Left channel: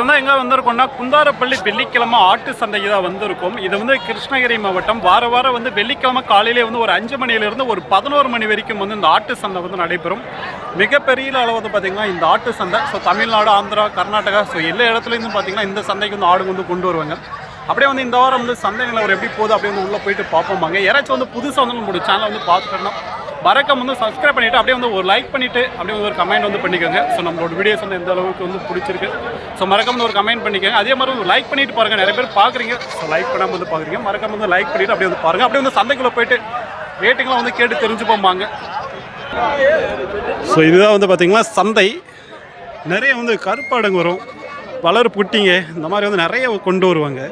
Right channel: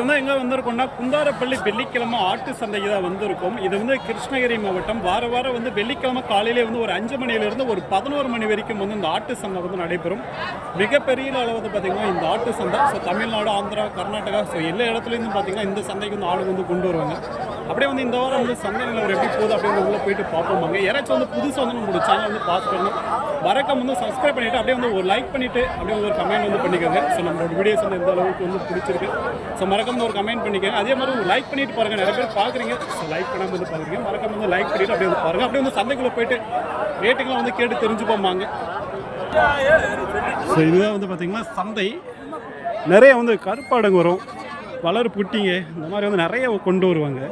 எங்கே வந்திருக்கோம்னா குந்தாரப்பள்ளி வெள்ளிக்கிழமை ஆட்டு சந்தைக்கு தான் வந்திருக்கும். இது கிருஷ்ணகிரி மாவட்டம். வாரம் வெள்ளிக்கிழமை காலையிலே ஒரு 5 மணியிலிருந்து ஒரு 11 மணி வரைக்கும் இந்த ஆட்டு சந்தை நடைபெறும். மிகப்பெரிய அளவு பார்த்தீங்கன்னா இந்த ஆட்டு சந்தை. ஸோ தமிழ்நாடு, ஆந்திரா, கர்நாடகா, ஸோ எல்லா இடத்துலேருந்து பார்த்தீங்கன்னா இந்த சந்தைக்கு ஆடு கொண்டு வருவாங்க. அப்படியே இந்த வாரம் சந்தை நிலவரம் எப்படி போகுது அப்படியே உள்ளே போயிட்டு பார்ப்போமாங்க. யாராச்சும் புதுசாக நம்மளோட சேனலை பார்த்துக்கணும். மறக்காம சப்ஸ்கிரைப் பண்ணிவிட்டு அப்படியே ஒரு லைக் பண்ணிவிட்டு அப்படியே ஒரு கமெண்ட் பண்ணிக்கோங்க. ஸோ நம்மளோட வீடியோஸ் எந்த அளவுக்கு பிடிச்சிருக்கு. ஸோ மறக்காம ஒரு கமெண்ட் பண்ணிக்கோங்க. அதே மாதிரி ஒரு லைக் பண்ணிட்டு பாருங்கள். நிறைய பேர் பார்க்குறீங்க. ஸோ லைக் பண்ணாமல் பார்க்குறீங்க. மறக்காம லைக் பண்ணிவிட்டு அப்படியே பாருங்கள். அப்படியே சந்தைக்குள்ளே போயிட்டு ரேட்டிங்லாம் கேட்டு தெரிஞ்சுப்போமாங்க. ஸோ இதுதான் பார்த்தீங்கன்னா சந்தை. நிறைய கருப்பாடுங்க வரும், வளர் புட்டிங்க, இந்த மாதிரி நிறைய கொண்டு வருவாங்க.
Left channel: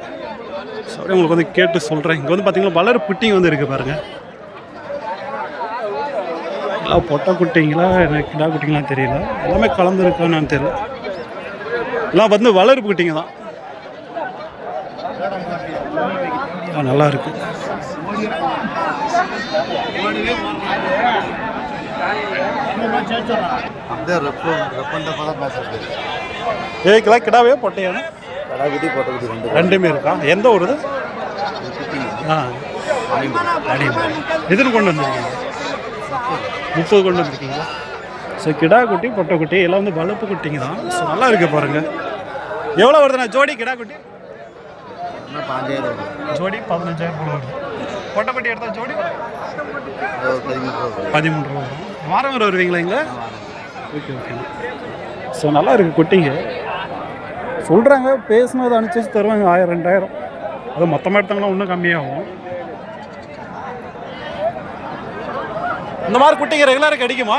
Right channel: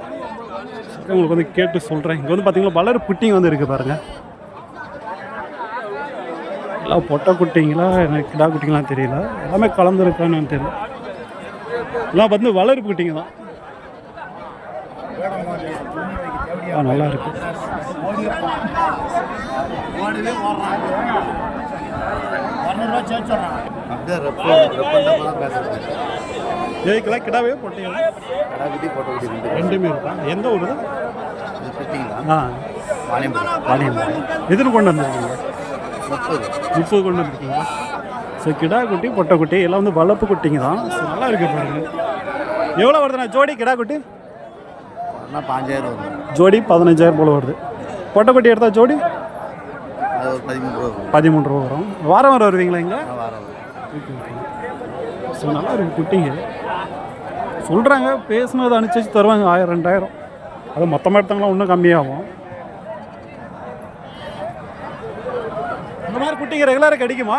ஸோ அப்படியே உங்களுக்கு கேட்டு சொல்கிறேன். இங்கே பார்த்தீங்கன்னா வளர் புட்டிங்க இருக்குது பாருங்கள். எல்லாம் பொட்டை குட்டிங்களா எனக்கு கிடா குட்டிங்களாம் தெரியல. எல்லாமே கலந்துருக்கான்னு தெரியல. எல்லாம் வளர்ப்பு குட்டிங்க தான். நல்லா இருக்கு. ஏக்கெல்லாம் கிடாவே பொட்டையா? ரெண்டுமே இருக்கா? எந்த ஊருது? எதுன்னு கொண்டு வந்திருக்கீங்க? 30 கொண்டு வந்திருக்கீங்களா? ஸோ கிடா குட்டி, பொட்டை குட்டி எல்லாம் வளர்ப்பு குட்டிங்க தான். ஸோ நல்லா இருக்கு பாருங்கள். எவ்வளோ வருதுண்ணா ஜோடி கிடா குட்டி? 15,000 ஜோடி 15,000 போல் வருது. பொட்டை குட்டி எடுத்தால் ஜோடி 13 ரூபா வரும். வாரம் வருவீங்களா இங்கே? Okay okay. ஸோ நல்லா இருக்குது குட்டிங்க. சொல்கிறாங்க பேசுனது அனுசரித்து தருவாங்க 1000 2000. அது மொத்தமாக எடுத்தாங்களா இன்னும் கம்மியாகும். இந்த மாதிரி குட்டிங்க ரெகுலராக கிடைக்குமா?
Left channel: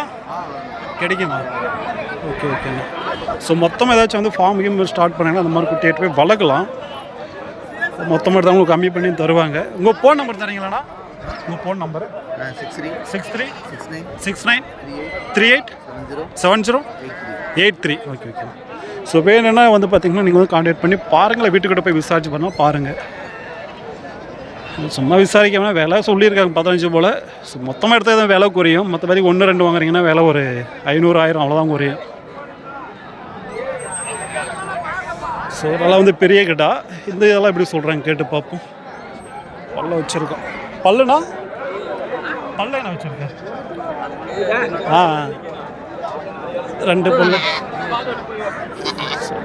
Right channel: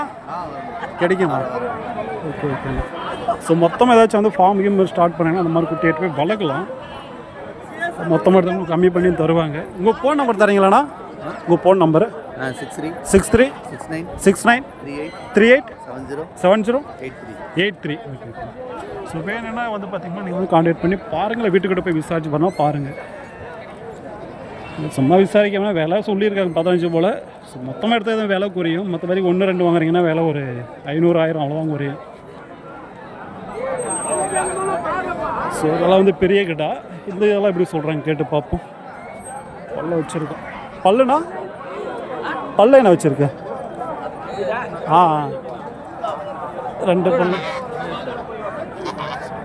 ஓகே ஓகேண்ணா. ஸோ மொத்தமாக ஏதாச்சும் ஃபார்ம் ஸ்டார்ட் பண்ணிங்கன்னா அந்த மாதிரி குட்டி எடுத்து போய் வளர்க்கலாம். மொத்தமாக எடுத்தவங்களுக்கு கம்மி பண்ணி தருவாங்க. உங்கள் ஃபோன் நம்பர் தரீங்களாண்ணா? உங்கள் phone number 6369387083. Okay okay. So வேணுன்னா பார்த்தீங்கன்னா நீங்கள் கான்டாக்ட் பண்ணி பாருங்களேன். வீட்டுக்கிட்ட போய் விசாரிச்சு பண்ணால் பாருங்கள். சும்மா விசாரிக்காமல் விலை சொல்லியிருக்காங்க 15 போல். ஸோ மொத்தமாக எடுத்தால் தான் விலை குறையும். மற்றபடி 1 2 வாங்குறீங்கன்னா விலை ஒரு 500 1000 அவ்வளோதான் குறையும். ஸோ அதெல்லாம் பெரிய கிட்டா. இந்த இதெல்லாம் எப்படி சொல்கிறாங்க கேட்டு பார்ப்போம். பல்ல வச்சுருக்கோம். பல்லுண்ணா? பல்லு என்ன வச்சுருக்கேன்? 2 பல்லு.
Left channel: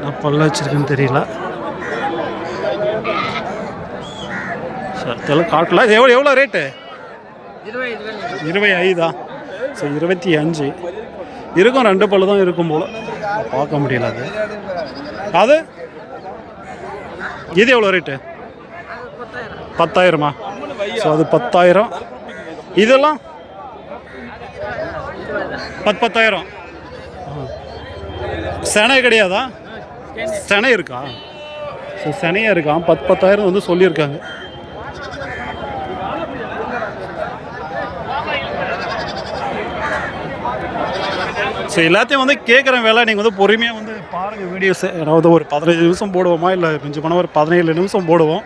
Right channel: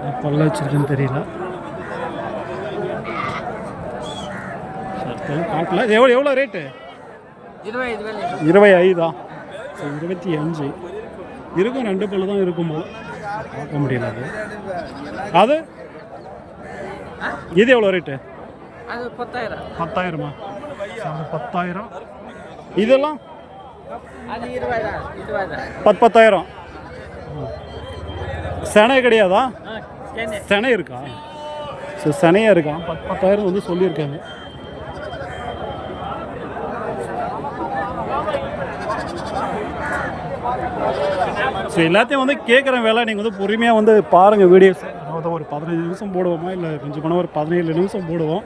நான் பல்ல வச்சுருக்கேன்னு தெரியல. தெரியல காட்டல. இது எவ்வளோ ரேட்டு? 25. ஸோ 25 இருக்கும். 2 பல்லு தான் இருக்கும் போல். பார்க்க முடியல. அது இது எவ்வளோ ரேட்டு? 10,000. ஸோ அது 10,000. இதெல்லாம் 10,000. செனை கிடையாதா? செனை இருக்கா? ஸோ செனையாக இருக்கா? 10,000 சொல்லியிருக்காங்க. ஸோ எல்லாத்தையும் கேட்குற வேலை நீங்கள் பொறுமையாக பாருங்கள் வீடியோஸ். ஏதாவது ஒரு 15 நிமிஷம் போடுவோமா, இல்லை கொஞ்சம் பண்ண ஒரு 17 நிமிஷம் போடுவோம்.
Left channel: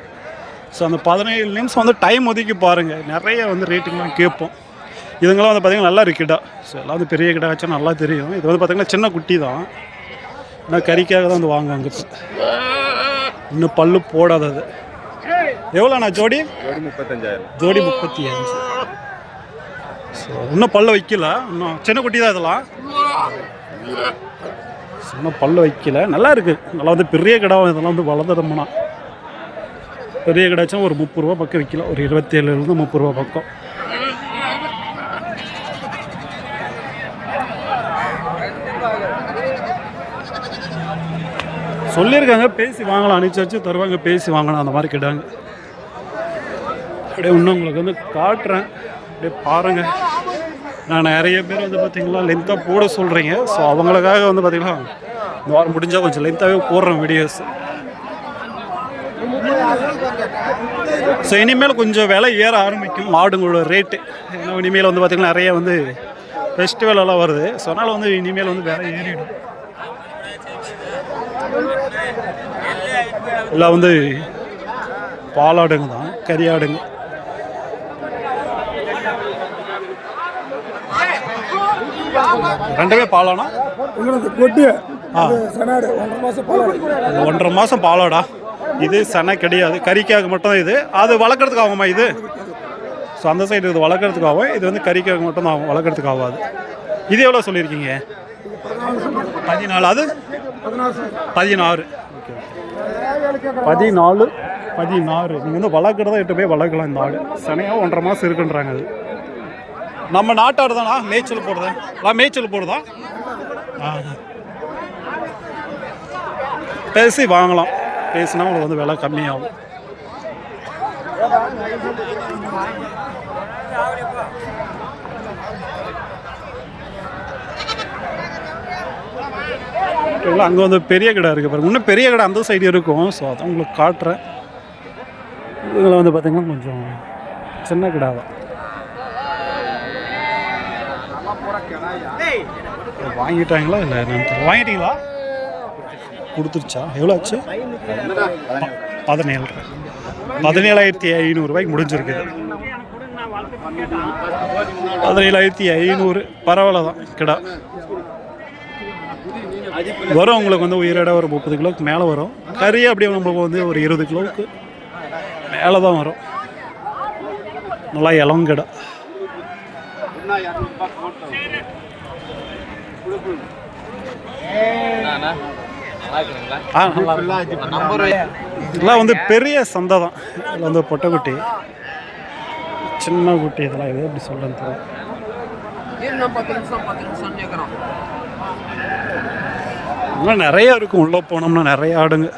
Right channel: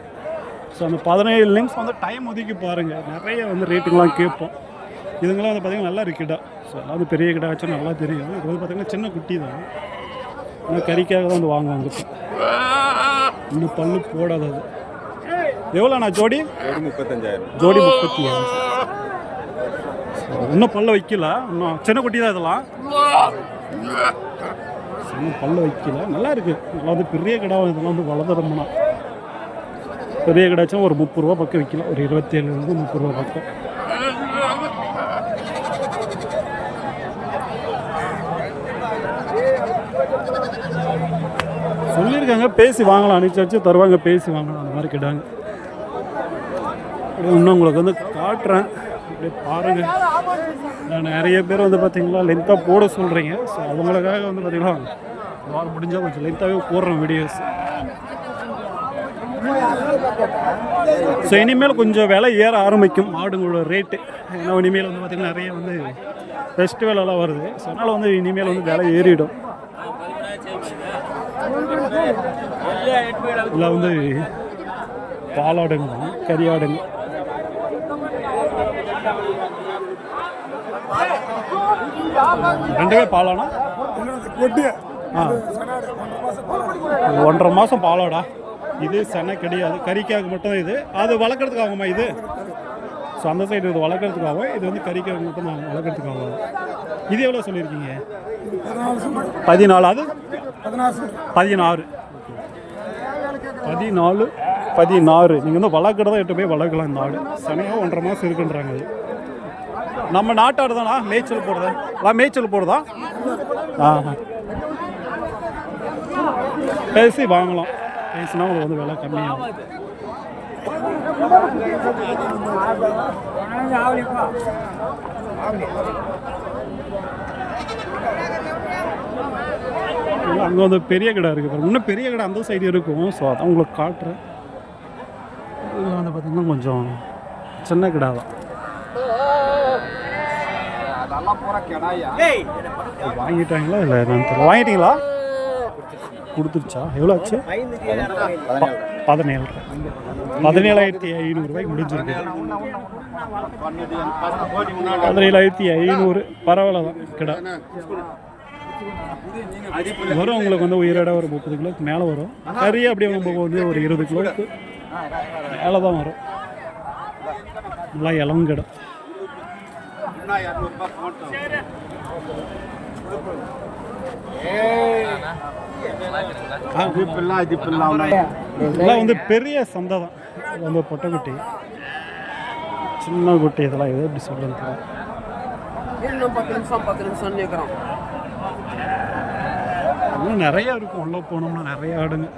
ஸோ அந்த 17 நிமிஷம் டைம் ஒதுக்கி பாருங்கள். நிறைய ரேட்டிங்லாம் கேட்போம். இதுங்களாம் பார்த்திங்கன்னா நல்லா இருக்குடா. ஸோ எல்லாம் பெரிய கிடா ஆச்சா நல்லா தெரியும். இது பார்த்திங்கன்னா சின்ன குட்டி தான். ஆனால் கறிக்காக தான் வாங்குவாங்க. இப்போ இன்னும் பல்லு போடாதது. எவ்வளோண்ணா ஜோடி? 35,000. ஜோடி 35. ஸோ இன்னும் பல்ல வைக்கல. இன்னும் சின்ன குட்டி தான் இதெல்லாம். இன்னும் பல்ல வைக்கல. நல்லா இருக்குது. நல்லா பெரிய கிடாவும் இதெல்லாம் வளர்ந்துடோம்னா பெரிய கிடாச்சும் ஒரு 30 ரூபா பக்கம் விற்கலாம். ஒரு 27 30 ரூபா பக்கம். சொல்லியிருக்காங்க பேசி வாங்கலாம். அனுப்பிச்சாச்சு தருவாங்க. பேசி வாங்கலாம். அந்த மாதிரி கிடாங்க. அப்படியே இன்னும் உங்களுக்கு காட்டுறேன். அப்படியே பாருங்கள். நான் நிறைய பேர் பார்த்திங்களா லென்த்தாக போட சொல்கிறீங்க. ஸோ அவங்களுக்காக பார்த்திங்களா இந்த வாரம் முடிஞ்சால் கொஞ்சம் லென்த்தாகவே போடுறேன் வீடியோஸ். ஸோ இனிமேல் கொஞ்சம் விலை ஏற ஆரம்பிக்கும் மாடுங்களோட ரேட்டு. ஏன்னா இனிமேல் பார்த்திங்கன்னா நிறைய ஃபெஸ்டிவல் எல்லாம் வருது. ஸோ அதனால் இனிமேல் விலை ஏறிடும். எல்லாம் பாலாடுங்க தான், கறியாடுங்க. ரெண்டுமே பாலானா? கொட்டு ஆ 1.5 மாதம் பாலாடா. இது செனை கிடையாது, கறிக்காக மட்டும் இது. அது வளர்க்குறதுக்கு ஆகுமா இது? ஸோ அந்த சைடு இது வளர்க்குறதுக்கு ஆகும், இது வந்து கறிக்காக மட்டும் தான் ஆகும், வளர்க்குறதுக்கு ஆகாது. இது எவ்வளோ சொல்லியிருக்கீங்க? 14. அது 16. ஓகே 16. நீங்கள் வந்து வளர்க்குறதா எட்டு போய் வளர்க்கலாம். இந்த ஆடு செனையாக 1.5 மாதம் இருக்குன்றாங்க. அது நம்ம நாட்டாடு தானா? மேய்ச்சல் போடுறதா? மேய்ச்சல் போடுறதா? பேசி வாங்கலாம், பேசினா உங்களுக்கு வந்து விலை கம்மியாகும். இல்லை அங்கே வந்து பெரிய கடை இருக்குது பாருங்க, இன்னும் பெரிய கடை அந்த சைடு இருக்கும். ஸோ அதான் உங்களுக்கு காட்டுறேன். இதில் வந்து பார்த்திங்கன்னா கொஞ்சம் சின்ன கடை தான். வாங்கிட்டாங்களா இல்லை என்னன்னு தெரியல. வாங்கிட்டீங்களா? கொடுத்துருச்சா? எவ்வளோ ஆச்சு? 17,500 முடிஞ்சிருக்குது. 17,500 பரவாயில்ல தான் கிடா வரும். உங்களுக்கு வந்து உயிரிட ஒரு 30 கிலோவுக்கு மேலே வரும். கறி அப்படியே நம்மளுக்கு வந்து ஒரு 20 கிலோவுக்கு மேலே தான் வரும். நல்லா இளங்கடை. இதெல்லாம் வந்து பெரிய சந்தை தான். இதில் வந்து பொட்டைக்குட்டி, சின்ன குட்டி, இதெல்லாம் எது எப்படி சொல்லுன்னு தெரியல. இன்னும் நிறைய இருக்கும். உள்ளே போனோம்னா நிறைய ஆடுங்க,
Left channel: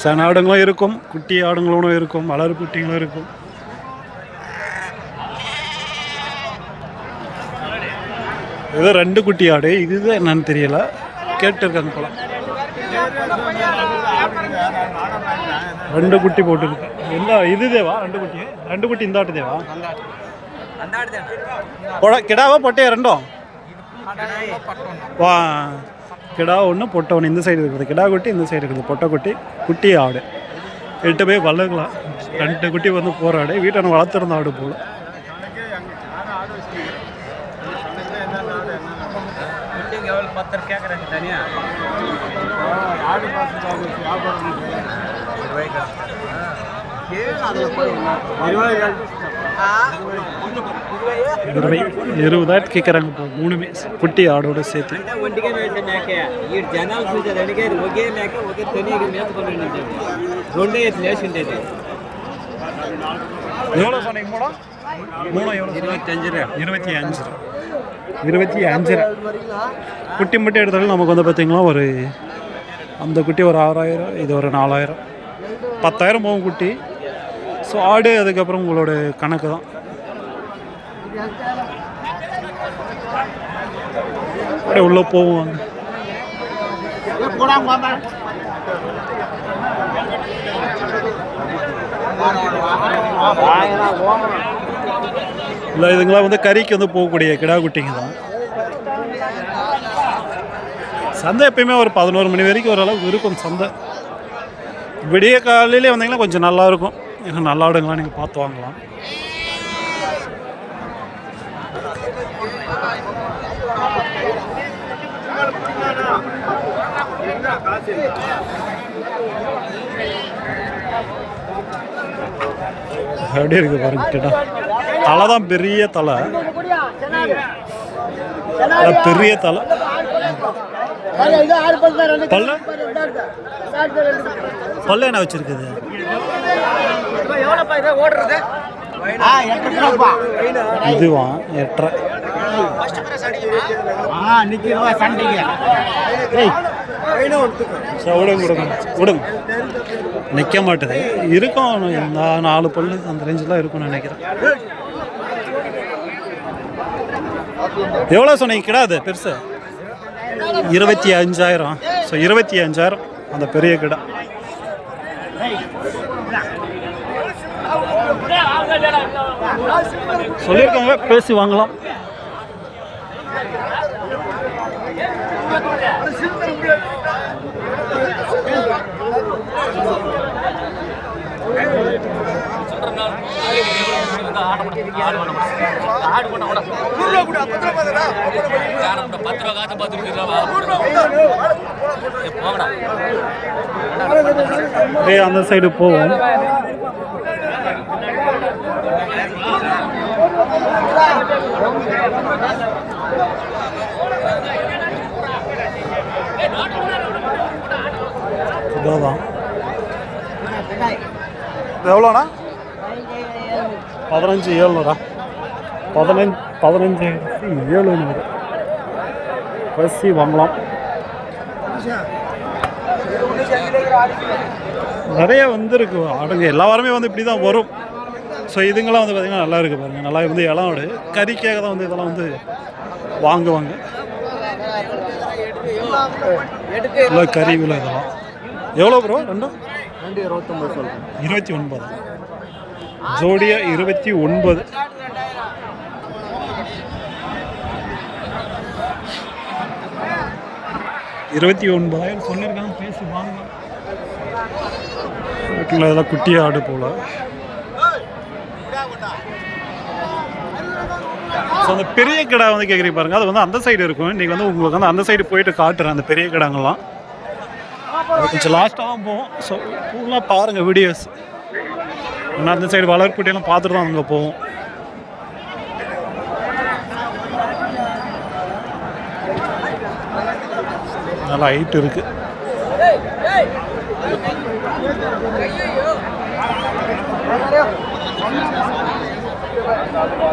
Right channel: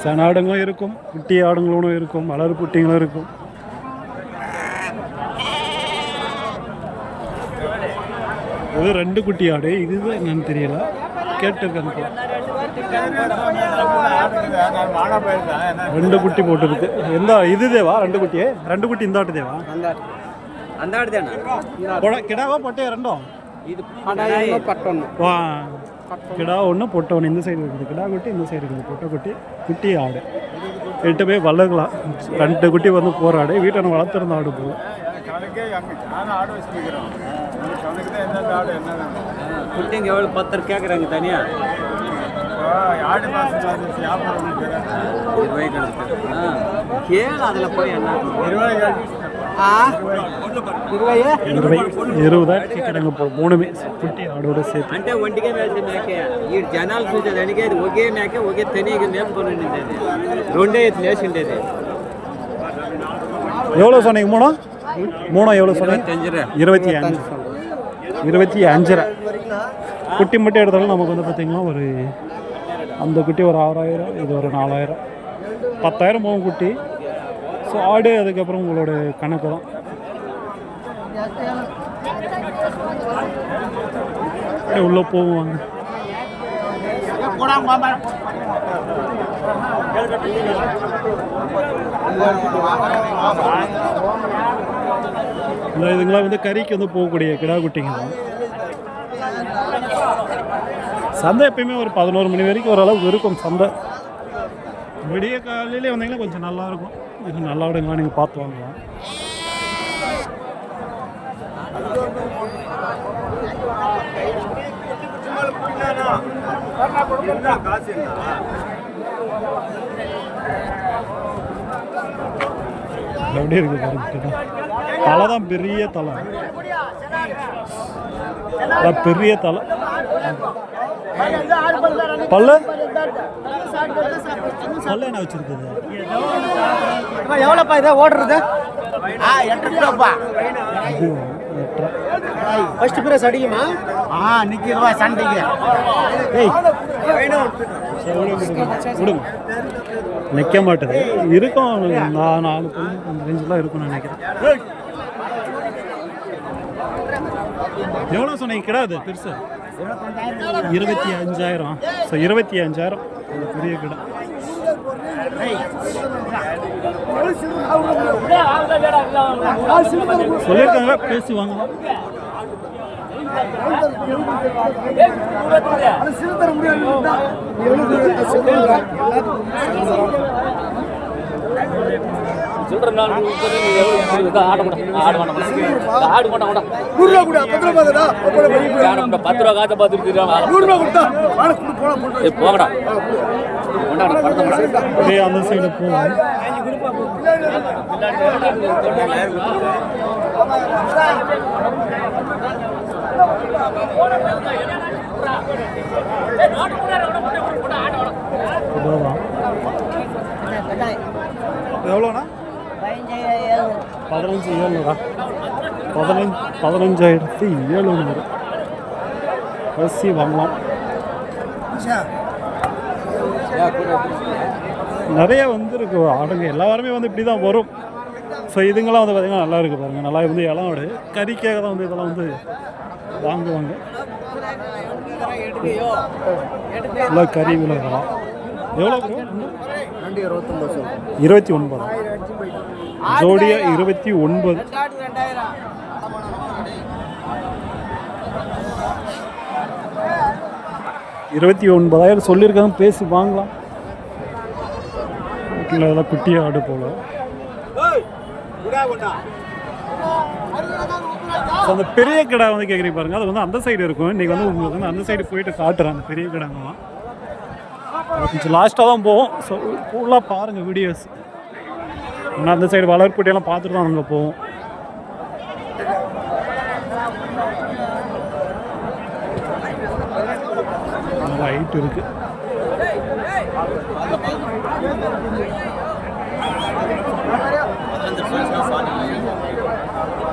சன ஆடுங்களும் இருக்கும், குட்டி ஆடுங்களும் இருக்கும், வளர் குட்டிங்களும் இருக்கும். ஏதோ 2 குட்டி ஆடு, இதுதான் என்னன்னு தெரியல, கேட்டுருக்காங்க போல. 2 குட்டி போட்டுருக்கு. எந்த இது தேவா? 2 குட்டியே? 2 குட்டி இந்த ஆட்டு தேவா? கிடாவா பொட்டையா? ரெண்டும் வா. கிடா ஒன்று பொட்டை ஒன்று. இந்த சைடு இருக்குது கிடா குட்டி, இந்த சைடு இருக்குது பொட்டை குட்டி. குட்டி ஆடு 8 போய் வளர்க்கலாம். 2 குட்டி வந்து போகிற ஆடு, வீட்டை வளர்த்துருந்த ஆடு போல. எவ்வளோ 10 கேட்குறாங்க தனியாக. அதில் போய் 20,000 కేకరంగ పో మూడుమే పుట్టి ఆడోడు సేతి అంటే ఒంటిగా వేసే మేకే ఈ జనాలు చూసేది అడిగే ఒకే మేక ఒకే తనిగా మేపుకొని ఉండేది రెండే ఎత్తులు వేసి ఉండేది. எவ்வளோ சொன்னீங்க? மூணு எவ்வளோ சொன்னீங்க? 25 குட்டி மட்டும் எடுத்தாலும் நமக்கு வந்து பார்த்திங்கன்னா ஒரு அந்த குட்டி ஒரு 6,000, இது ஒரு 4,000, 10,000 போகும் குட்டி. ஸோ ஆடு அதுக்கப்புறம் உங்களோட கணக்கு தான். அப்படியே உள்ளே போவாங்க. இல்லை இதுங்களாம் வந்து கறிக்கு வந்து போகக்கூடிய கிடா குட்டிங்க தான். சந்தை எப்பயுமே ஒரு 11 மணி வரைக்கும் ஓரளவுக்கு இருக்கும் சந்தை. விடிய காலையிலே வந்தீங்கன்னா கொஞ்சம் நல்லாயிருக்கும். ஏன்னா நல்லா ஆடுங்களாம் நீங்கள் பார்த்து வாங்கலாம். எப்படி இருக்கு பாருங்க கேட்டா. தலை தான் பெரிய தலை, பெரிய தலை. பல்லு பல்லு என்ன வச்சிருக்குது? இதுவா 8.5. விடுங்க, நிற்க மாட்டுது. இருக்கும் 4 பல்லு அந்த ரேஞ்சில் இருக்கும்னு நினைக்கிறேன். எவ்வளோ சொன்னீங்க கிடாது பெருசு? 25,000. ஸோ 25,000 அந்த பெரிய கிடா. சொல்லியிருக்காங்க, பேசி வாங்கலாம். அந்த சைடு போவோம். இதான் எவ்வளோண்ணா? 15,700. 15,700 பசி வாங்கலாம். நிறைய வந்துருக்கு ஆடுங்க. எல்லா வாரமே வந்து இப்படி தான் வரும். ஸோ இதுங்கெல்லாம் வந்து பார்த்திங்கன்னா நல்லா இருக்குது பாருங்கள். நல்லா வந்து இளமாடு கறிக்காக தான் வந்து இதெல்லாம் வந்து வாங்குவாங்க. நல்லா கறி விலை இதெல்லாம் எவ்வளோ ப்ரோ? ரெண்டும் 29 ஜோடியா 29. $29,000 சொல்லியிருக்காங்க. பேசி வாங்கலாம். இதெல்லாம் குட்டி ஆடு போல். ஸோ அந்த பெரிய கடை வந்து கேட்குறீங்க பாருங்கள். அது வந்து அந்த சைடு இருக்கும். இன்றைக்கி வந்து உங்களுக்கு வந்து அந்த சைடு போயிட்டு காட்டுறேன் அந்த பெரிய கடைங்கள்லாம். அது கொஞ்சம் லாஸ்ட்டாக தான் போவோம். ஸோ ஃபுல்லாக பாருங்கள் வீடியோஸ். ஏன்னா அந்த சைடு வளர்ப்புட்டியெல்லாம் பார்த்துட்டு தான் அங்கே போவோம். நல்லா ஹைட் இருக்குது.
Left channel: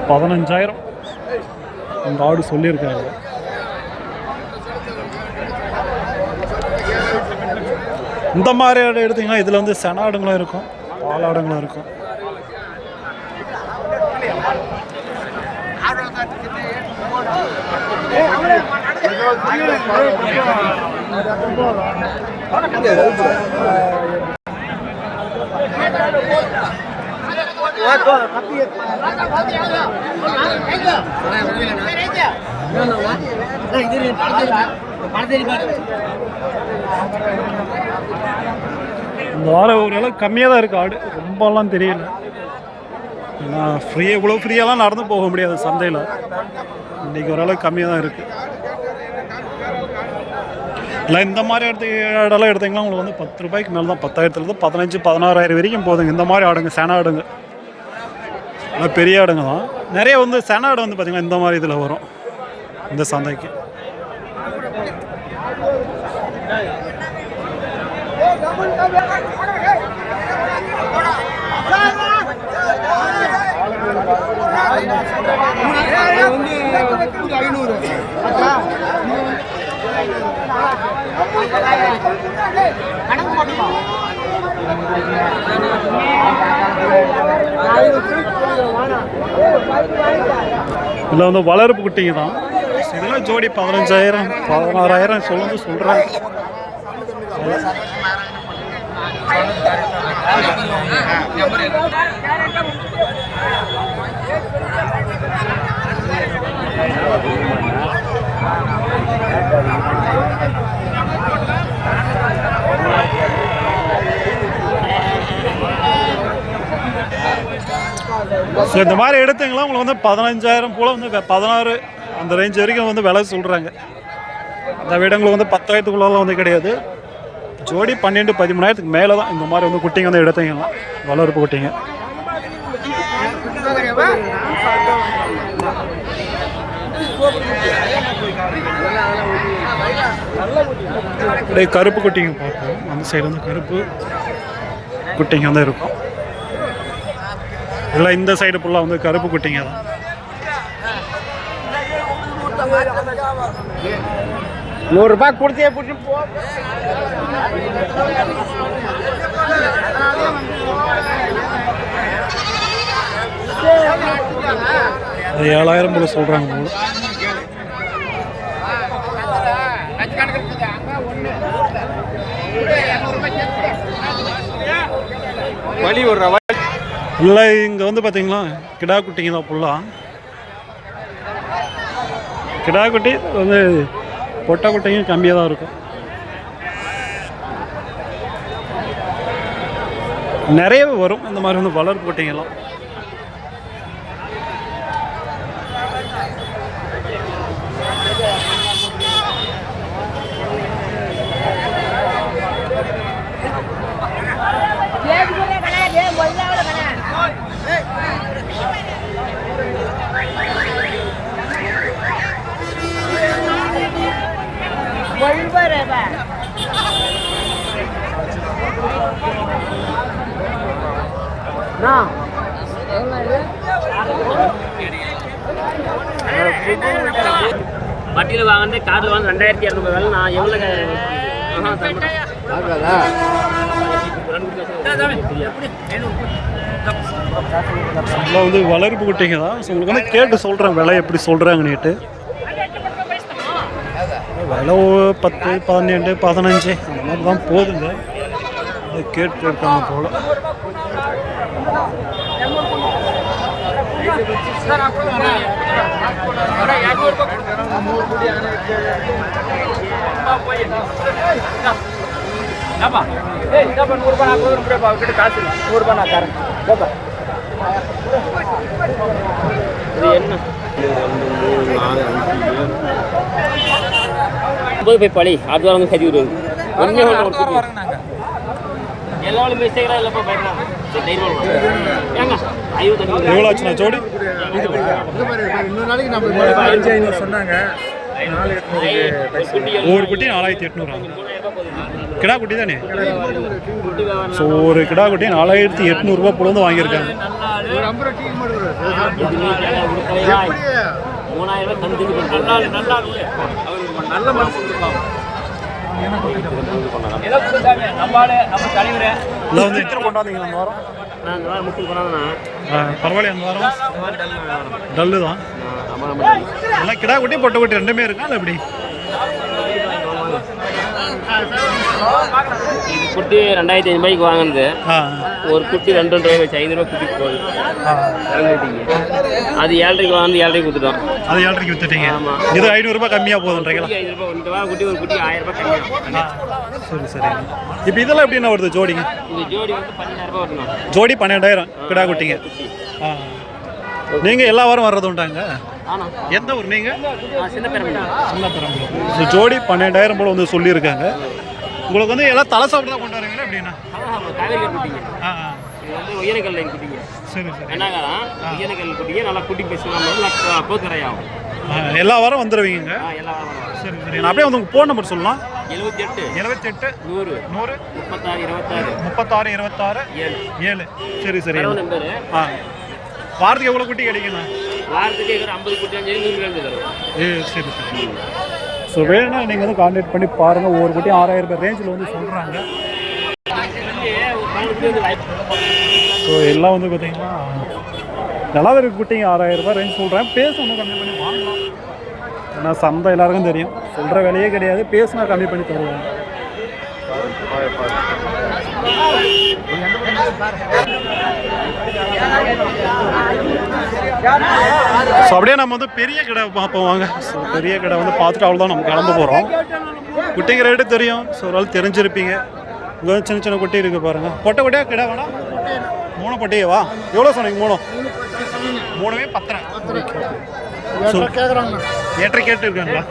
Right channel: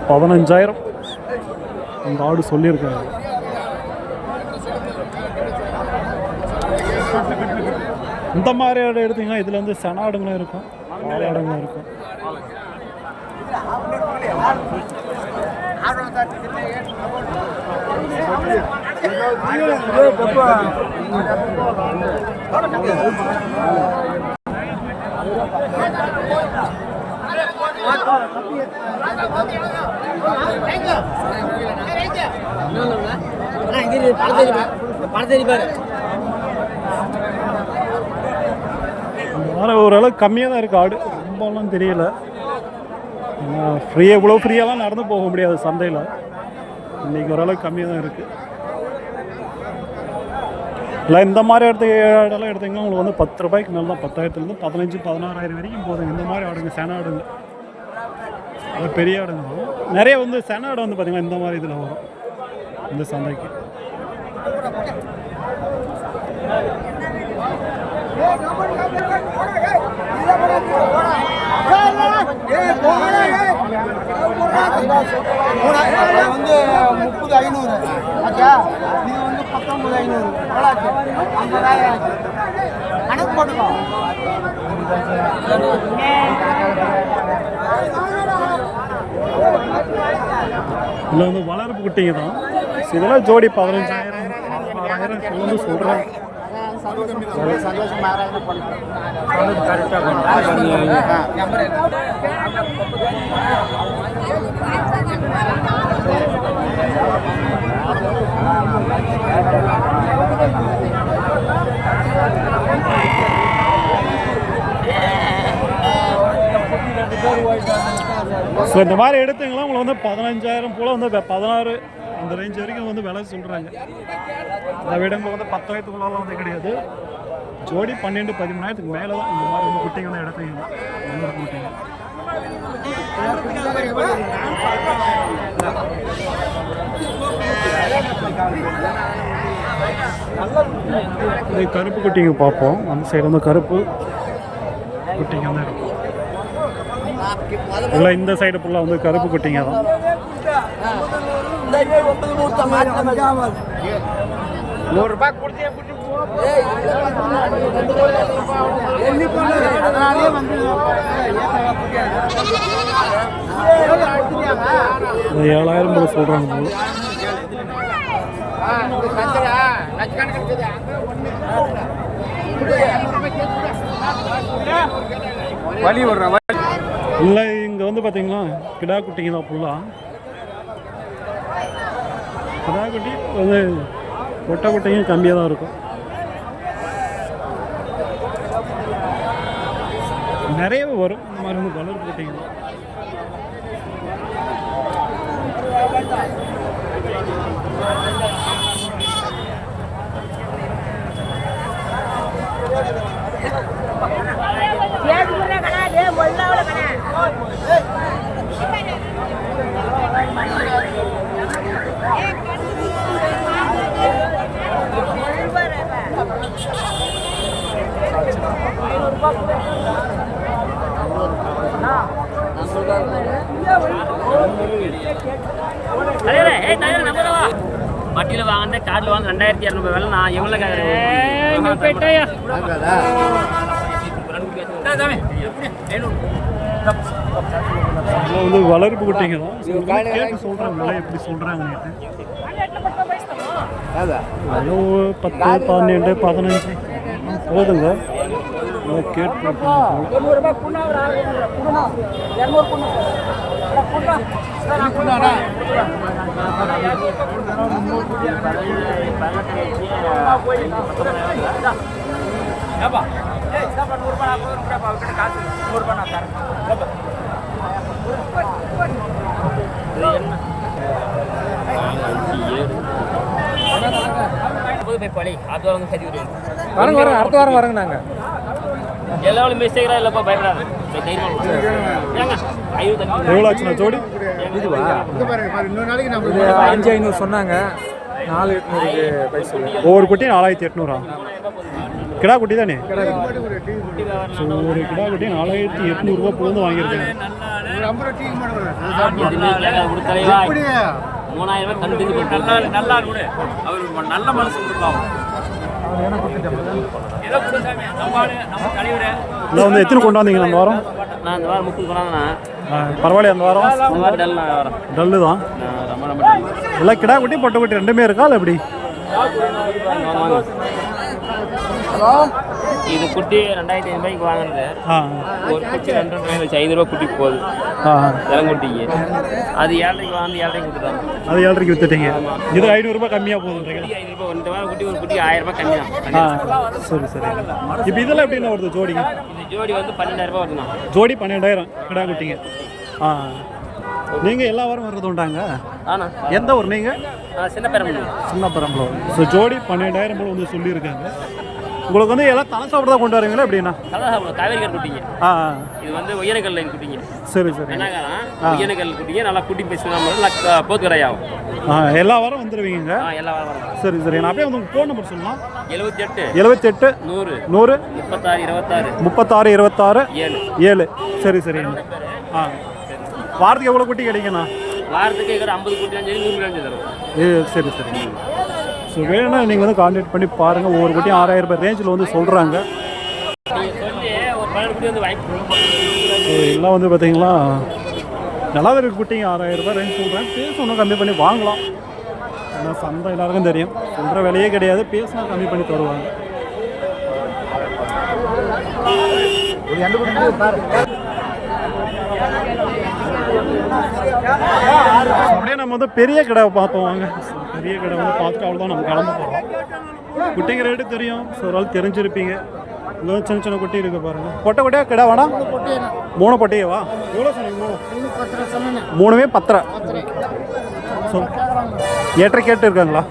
$15,000 இந்த ஆடு சொல்லியிருக்காங்க. இந்த மாதிரி ஆடு எடுத்திங்கன்னா இதில் வந்து செனாடுங்களும் இருக்கும், பாலாடுங்களும் இருக்கும். இந்த வாரம் ஓரளவுக்கு கம்மியாக தான் இருக்குது ஆடு. ரொம்பலாம் தெரியல. ஏன்னா இவ்வளோ ஃப்ரீயெல்லாம் நடந்து போக முடியாது சந்தையில். இன்றைக்கி ஓரளவுக்கு கம்மியாக தான் இருக்குது. இல்லை இந்த மாதிரி இடம்லாம் எடுத்திங்கன்னா உங்களுக்கு வந்து ₹10 மேலே தான். 10,000 15,000 16,000 வரைக்கும் போதுங்க. இந்த மாதிரி ஆடுங்க, சென ஆடுங்க, நல்லா பெரிய ஆடுங்க தான். நிறைய வந்து சென ஆடு வந்து பார்த்திங்கன்னா இந்த மாதிரி இதில் வரும் இந்த சந்தைக்கு. வந்து 30,500 கணக்கு போட்டுக்கோ. இதில் வந்து வளர்ப்பு குட்டிங்க தான். இதெல்லாம் ஜோடி 15,000 16,000 சொல்கிறேன். ஸோ இந்த மாதிரி எடுத்தீங்களா உங்களுக்கு வந்து 15,000 போல் வந்து 16 அந்த ரேஞ்ச் வரைக்கும் வந்து விலை சொல்கிறாங்க. அந்த விட உங்களுக்கு வந்து 10,000க்குள்ளலாம் வந்து கிடையாது. ஜோடி 12,000-13,000 மேலே தான் இந்த மாதிரி வந்து குட்டிங்க வந்து எடுத்தீங்கன்னா வளர்ப்பு குட்டிங்க. அப்படியே கருப்பு குட்டிங்க பார்ப்போம். அந்த சைடு வந்து கருப்பு குட்டிங்க வந்து இருக்கும். இல்லை இந்த சைடு ஃபுல்லாக வந்து கருப்பு குட்டிங்க தான். ₹100 கொடுத்தே போட்டு $7,000 போல சொல்கிறாங்க போல. வலி ஒரு இல்லை இங்கே வந்து பார்த்தீங்களா கிடா குட்டிங்க தான் ஃபுல்லாக. கிடா குட்டி வந்து பொட்டை குட்டிங்க கம்மியாக தான் இருக்கும். நிறையவே வரும் இந்த மாதிரி வந்து வளர்ப்பு குட்டிங்கெல்லாம். வட்டியில் வாங்கினது காரில் வாங்க 2200 வேலை நான் எவ்வளோ இதெல்லாம் வந்து வளர்ப்பு குட்டிங்க தான். ஸோ உங்களுக்கு வந்து கேட்டு சொல்கிறேன் விலை எப்படி சொல்கிறாங்கன்னுட்டு. விலை 10, 12, 15 அந்த மாதிரி தான் போதுங்க. நல்லா கேட்டு இருக்காங்க போல. போய் பழி அடுத்த வாரம் சரி விடுது. அடுத்த வாரம் வரங்க நாங்கள் எல்லாரும் மிஸ்டேக்கா இல்லப்பா பயப்படாது. எவ்வளோ ஆச்சுண்ணா ஜோடி? இன்னொரு நாளைக்கு நம்ம 5500 சொன்னாங்க. 4800 ஒவ்வொரு குட்டி 4800 கிடா குட்டி தானே? ஸோ ஒரு கிடா குட்டி 4800 ரூபா போல வந்து வாங்கியிருக்காங்க. 3000 தந்து நல்ல மனசு கொடுப்பாங்க. எல்லாம் வந்து எத்தனை கொண்டு வந்தீங்க அந்த வாரம்? நான் இந்த வாரம் 30 கொண்டாந்தேன். பரவாயில்ல. அந்த வாரம் டல்லு தான். எல்லாம் கிடா குட்டி பொட்டை குட்டி ரெண்டுமே இருக்கா இல்லை எப்படி? இது குட்டி 2500 ரூபாய்க்கு வாங்கினது. ஒரு குட்டி 2 வச்சு 5 ரூபா குட்டிக்கு போகுது இறங்குட்டிக்கு. அது 7:30 வாங்கி 7:30 கொடுத்துட்டோம். அது 7:30 வித்துட்டீங்க. இது 500 ரூபாய் கம்மியாக போகுதுன்றீங்களா? 500 ரூபாய் இந்த வாரம் குட்டி ஒரு குட்டி 1000 ரூபாய் கம்மியா. சரி சரிங்க. இப்போ இதெல்லாம் எப்படின்னா வருது ஜோடிங்க? இந்த ஜோடி வந்து 12000 ரூபாய் வருதுண்ணா. ஜோடி 12000 கிடா குட்டிங்க. நீங்கள் எல்லா வாரம் வர்றது உண்டாங்க? எந்த ஊர் நீங்கள்? சின்ன பெரம்பலூர். ஸோ ஜோடி 12000 போல் வந்து சொல்லியிருக்காங்க. உங்களுக்கு வந்து எல்லாம் தலை சாப்பிட்டு தான் கொண்டு வரீங்களா எப்படின்னா? காவேரி குட்டிங்க. இது வந்து ஒய்யனக்கல் குட்டிங்க. சரி சரி. என்னதான் ஒய்யனக்கல் குட்டிங்க நல்லா குட்டி பேசுவாங்க. போக்குறையாகும். எல்லா வாரம் வந்துடுவீங்க? எல்லா வாரம். சரி சரி. நான் அப்படியே வந்து உங்கள் ஃபோன் நம்பர் சொல்லலாம். 78 100 36 26 7. சரி சரி. வாரத்துக்கு எவ்வளோ குட்டி கிடைக்குண்ணா? வாரத்துக்கு 50 குட்டி 100 தருவோம். சரி சரி. ஸோ வேணும்னா நீங்கள் வந்து கான்டாக்ட் பண்ணி பாருங்கள். ஒவ்வொரு குட்டியும் 6000 ரூபாய் ரேஞ்சில் வந்து சொல்கிறாங்க. ஸோ எல்லாம் வந்து பார்த்தீங்கன்னா நல்லா இருக்க குட்டிங்க 6000 ரூபாய் ரேஞ்ச் சொல்கிறேன். பேசணும் கம்மி பண்ணி வாங்கலாம். ஏன்னா சந்தை எல்லாருக்கும் தெரியும், சொல்கிற விலையே கிடையாது. பேசினா கம்மி பண்ணி தருவாங்க. ஸோ அப்படியே நம்ம வந்து பெரிய கடை பார்ப்போம் வாங்க. ஸோ பெரிய கடை வந்து பார்த்துட்டு அவ்வளோதான் நம்ம கிளம்ப போகிறோம். குட்டிங்க ரேட்டு தெரியும். ஸோ ஒரு ஆள் தெரிஞ்சிருப்பீங்க. இங்கே வந்து சின்ன சின்ன குட்டி இருக்குது பாருங்கள். பொட்டை குட்டியா கிடா வேணாம்? 3 பொட்டையவா? எவ்வளோ சொன்னீங்க? 3மே 10. ஸோ நேற்றை கேட்டு இருக்காங்களா?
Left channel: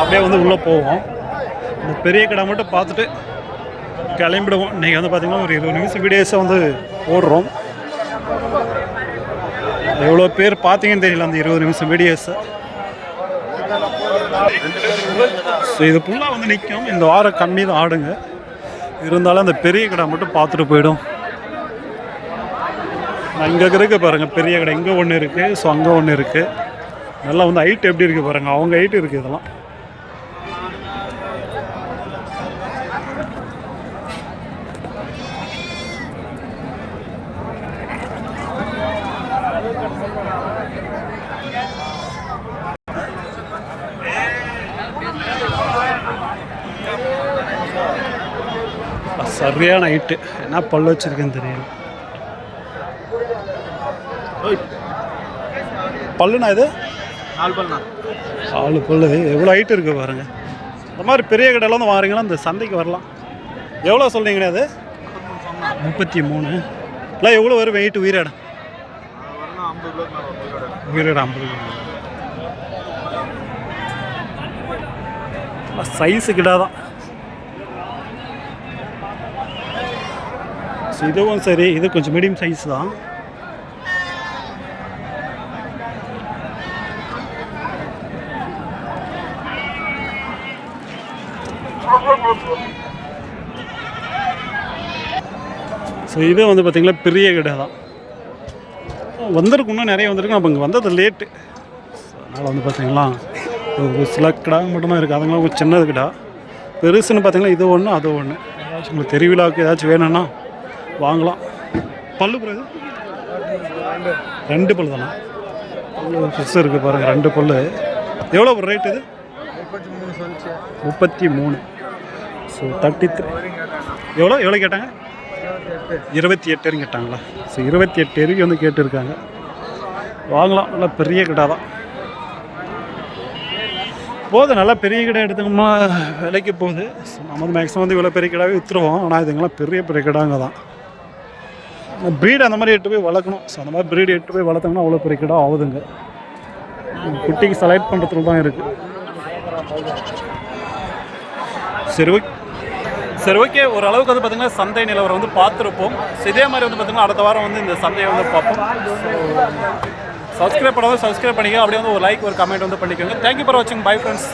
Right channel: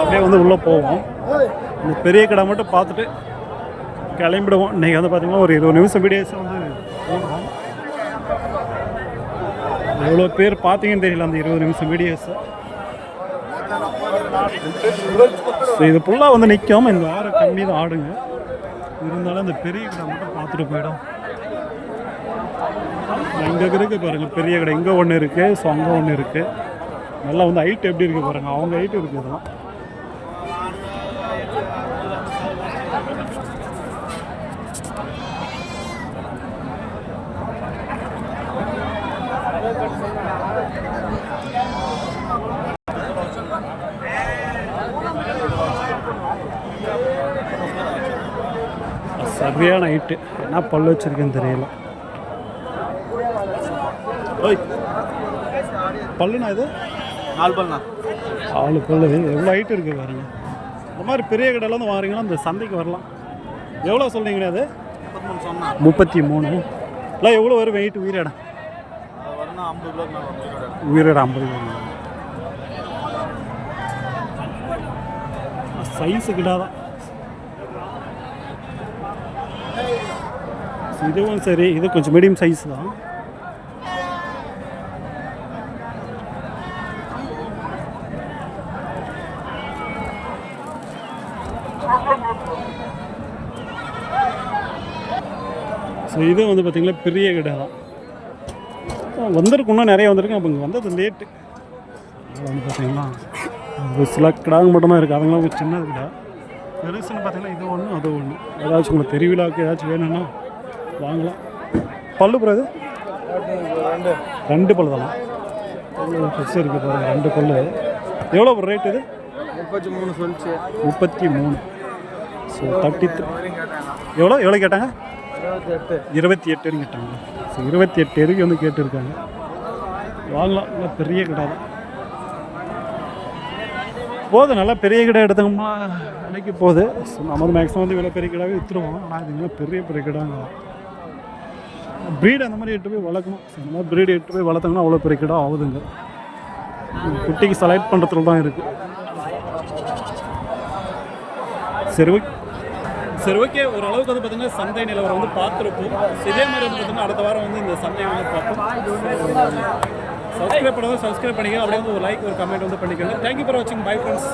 அப்படியே வந்து உள்ளே போவோம். இந்த பெரிய கடை மட்டும் பார்த்துட்டு கிளம்பிடுவோம். இன்றைக்கி வந்து பார்த்திங்கன்னா ஒரு 20 நிமிஷம் வீடியோஸை வந்து ஓடுறோம். எவ்வளோ பேர் பார்த்தீங்கன்னு தெரியல அந்த 20 நிமிஷம் வீடியோஸை. ஸோ இது ஃபுல்லாக வந்து நிற்கும். இந்த வாரம் கம்மி தான் ஆடுங்க. இருந்தாலும் அந்த பெரிய கடை மட்டும் பார்த்துட்டு போயிடும். நான் இங்கே இருக்குது பாருங்கள் பெரிய கடை. இங்கே ஒன்று இருக்குது. ஸோ அங்கே ஒன்று இருக்குது. நல்லா வந்து ஹைட் எப்படி இருக்குது பாருங்கள். அவங்க ஹைட்டு இருக்குது இதெல்லாம். சரியான ஹைட்டு. என்ன பல்லு வச்சுருக்கேன்னு தெரியல. பல்லுண்ணா இது 4 பல்லுண்ணா. 4 பல்லு. எவ்வளோ ஹைட்டு இருக்குது பாருங்கள். இந்த மாதிரி பெரிய கடையில் வந்து வாங்குறீங்கன்னா இந்த சந்தைக்கு வரலாம். எவ்வளோ சொல்கிறீங்கண்ணே அது? 33. இல்லை எவ்வளோ வரும் வெயிட் உயிரிடம்? உயிரிடம் 50 சைஸு கிடா தான். இதுவும் சரி. இது கொஞ்சம் மீடியம் சைஸ் தான். ஸோ இது வந்து பார்த்திங்கன்னா பெரிய கடை தான் வந்திருக்கு, இன்னும் நிறைய வந்திருக்கு. நம்ம இங்கே வந்தது லேட்டு. அதனால் வந்து பார்த்திங்களா ஒரு சில கிடாங்க மட்டும்தான் இருக்குது. அதுங்களாம் கொஞ்சம் சின்னது கிடா. பெருசுன்னு பார்த்திங்கன்னா இது ஒன்று அது ஒன்று. ஏதாச்சும் உங்களுக்கு திருவிழாவுக்கு ஏதாச்சும் வேணும்னா வாங்கலாம். பல்லு பிறகு 2 பல்லு தானே, அவ்வளோ ஃப்ரெஷ்ஷாக இருக்குது பாருங்கள். 2 பல்லு. எவ்வளோ ஒரு ரேட் இது? 33. ஸோ 33. எவ்வளோ கேட்டாங்க? 28 கேட்டாங்களா? ஸோ 28 வரைக்கும் வந்து கேட்டுருக்காங்க. வாங்கலாம். நல்லா பெரிய கடை தான். போதும், நல்லா பெரிய கடை எடுத்தோம்னா விலைக்கு போகுது. ஸோ நம்ம வந்து மேக்ஸிமம் வந்து இவ்வளோ பெரிய கடாவே விற்றுருவோம். ஆனால் இதுங்கெல்லாம் பெரிய பெரிய கடாங்க தான். ப்ரீடு அந்த மாதிரி எட்டு போய் வளர்க்கணும். ஸோ அந்த மாதிரி ப்ரீடு எட்டு போய் வளர்த்தோம்னா அவ்வளோ பெரிய கடை ஆகுதுங்க. குட்டிக்கு செலக்ட் பண்ணுறதுல தான் இருக்குது. சரி ஓகே, ஓரளவுக்கு வந்து பார்த்திங்கன்னா சந்தை நிலவரம் வந்து பார்த்துருப்போம். இதே மாதிரி வந்து பார்த்திங்கன்னா அடுத்த வாரம் வந்து இந்த சந்தையை வந்து பார்ப்போம். சப்ஸ்கிரைப் பண்ணாமல் சப்ஸ்கிரைப் பண்ணிக்க, அப்படியே வந்து ஒரு லைக் ஒரு கமெண்ட் வந்து பண்ணிக்கோங்க. தேங்க்யூ ஃபார் வாட்சிங். Bye friends.